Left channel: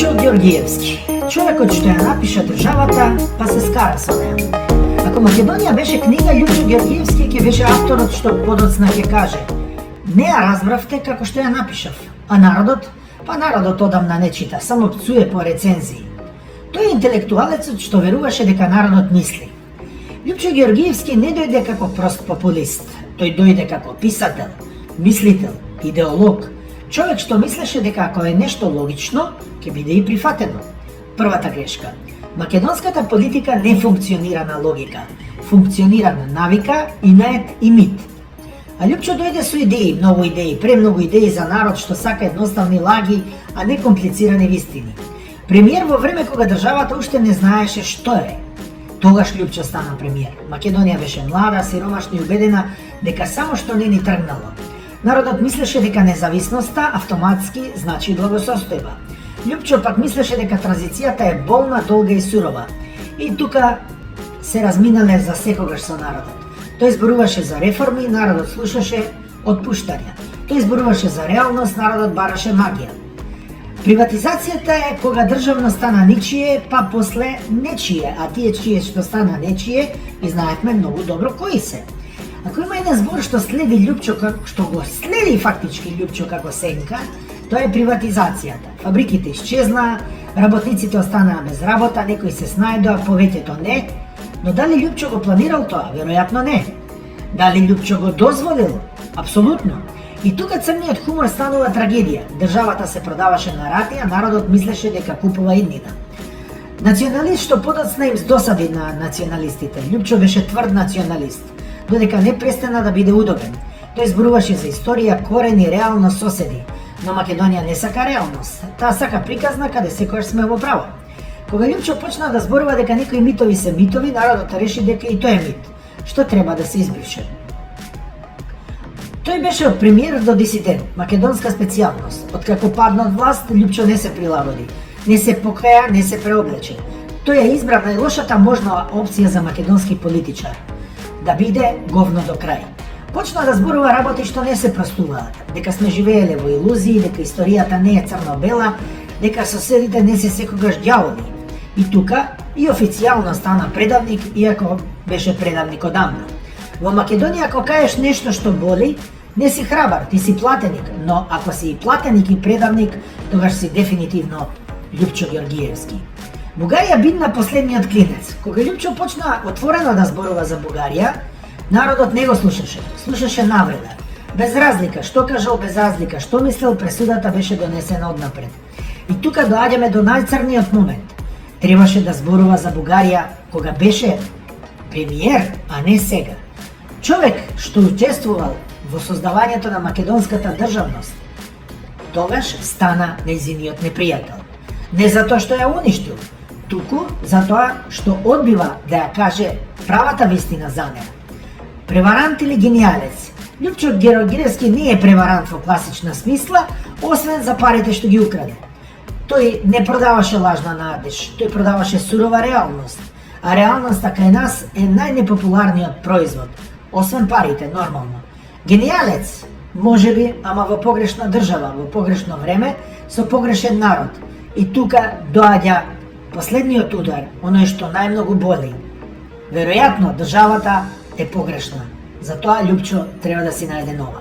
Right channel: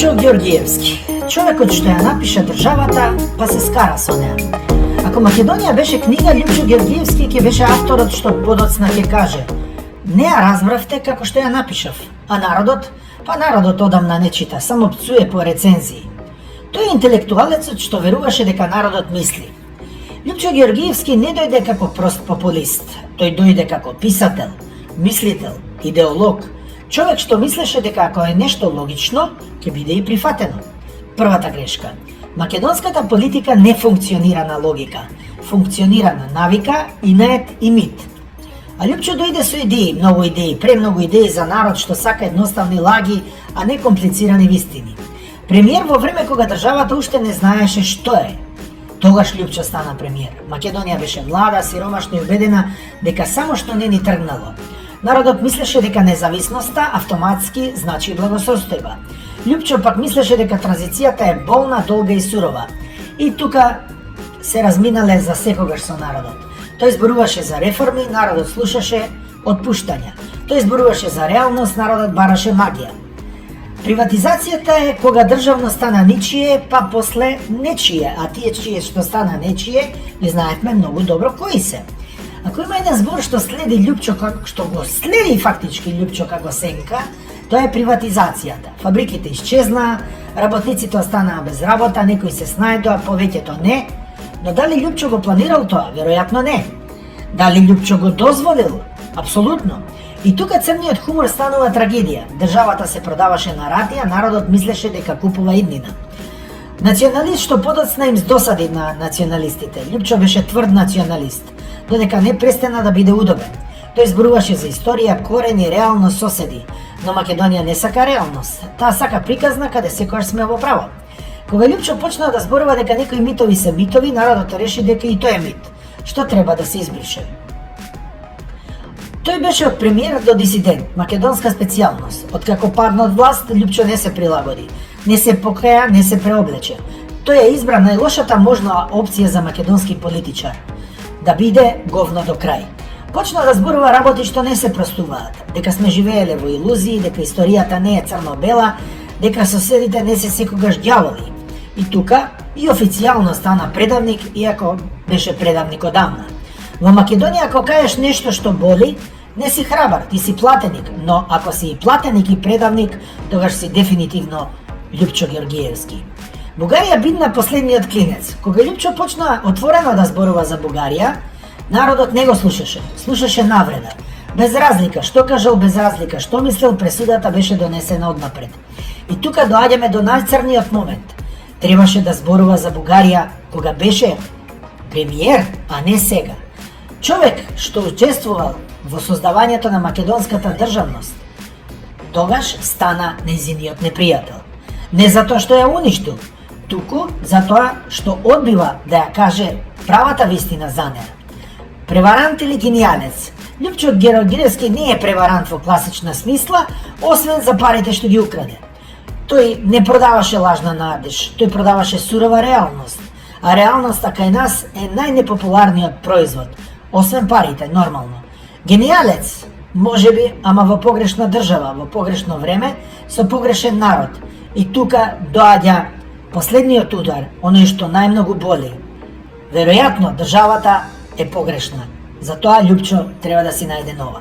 Лјупчо Ѓоргиевски, човекот што ја напиша државата, па се скара со неа. Ако Македонија беше книга, Лјупчо Ѓоргиевски ќе беше авторот што подоцна ќе каже: не ја разбравте како што ја напишав, а народот, народот одамна не чита, само пцуе по рецензии. Тој е интелектуалецот што веруваше дека народот мисли. Лјупчо Ѓоргиевски не дојде како прост популист, тој дојде како писател, мислител, идеолог, човек што мислеше дека ако е нешто логично, ќе биде и прифатено. Првата грешка. Македонската политика не функционира на логика, функционира на навика, инет и мит. А Лјупчо дојде со идеи, премногу идеи за народ што сака едноставни лаги, а не комплицирани вистини. Премиер во време кога државата уште не знаеше што е. Тогаш Лјупчо стана премиер. Македонија беше млада, сиромашна и убедена дека само што не ни тргнало. Народот мислеше дека независноста автоматски значи благосостојба. Лјупчо пак мислеше дека транзицијата е болна, долга и сурова. И тука се разминале за секогаш со народот. Тој зборуваше за реформи, народот слушаше отпуштања. Тој зборуваше за реалност, народот бараше магија. Приватизацијата е кога државно стана ничие, па после нечие, а тие чие што стана нечие, ги знаевме многу добро кои се. Ако има еден збор што следи Лјупчо, што го следи фактички Лјупчо како сенка, тоа е приватизацијата. Фабриките исчезна, работниците останаа без работа, некои се снајдоа, повеќето не. Но дали Лјупчо го планирал тоа? Веројатно не. Дали Лјупчо го дозволил? Апсолутно. И тука црниот хумор станува трагедија. Државата се продаваше на рати, а народот мислеше дека купува иднина. Националист што подоцна им досади на националистите. Лјупчо беше тврд националист, додека не престана да биде удобен. Тој зборуваше за историја, корени, реалност, соседи. Но Македонија не сака реалност. Таа сака приказна каде секојаш сме во право. Кога Лјупчо почна да зборува дека некои митови се митови, народот реши дека и тој е мит, што треба да се избрише. Тој беше од премиер до дисидент, македонска специјалност. Откако падна од власт, Лјупчо не се прилагоди, не се покаја, не се преоблече. Тој ја избра најлошата можна опција за македонски политичар, да биде говно до крај. Почна да зборува работи што не се простуваат, дека сме живееле во илузии, дека историјата не е црно-бела, дека соседите не се секогаш ѓаволи. И тука и официјално стана предавник, иако беше предавник одамна. Во Македонија ако кажеш нешто што боли, не си храбар, ти си платеник, но ако си и платеник и предавник, тогаш си дефинитивно Лјупчо Ѓоргиевски. Бугарија бидна последниот клинец. Кога Лјупчо почна отворено да зборува за Бугарија, народот не го слушаше навреда. Без разлика што кажал, без разлика што мислел, пресудата беше донесена однапред. И тука доаѓаме до најцрниот момент. Требаше да зборува за Бугарија кога беше премиер, а не сега. Човек што учествувал во создавањето на македонската државност, тогаш стана нејзиниот непријател. Не затоа што ја уништил, туку затоа што одбива да ја каже правата вистина за неа. Преварант или гениалец? Лјупчо Ѓоргиевски не е преварант во класична смисла, освен за парите што ги украде. Тој не продаваше лажна надеж, тој продаваше сурова реалност. А реалноста кај нас е најнепопуларниот производ, освен парите, нормално. Гениалец, можеби, ама во погрешна држава, во погрешно време, со погрешен народ. И тука доаѓа последниот удар, оној што најмногу боли. Веројатно, државата е погрешна. Затоа Лјупчо треба да си најде нова.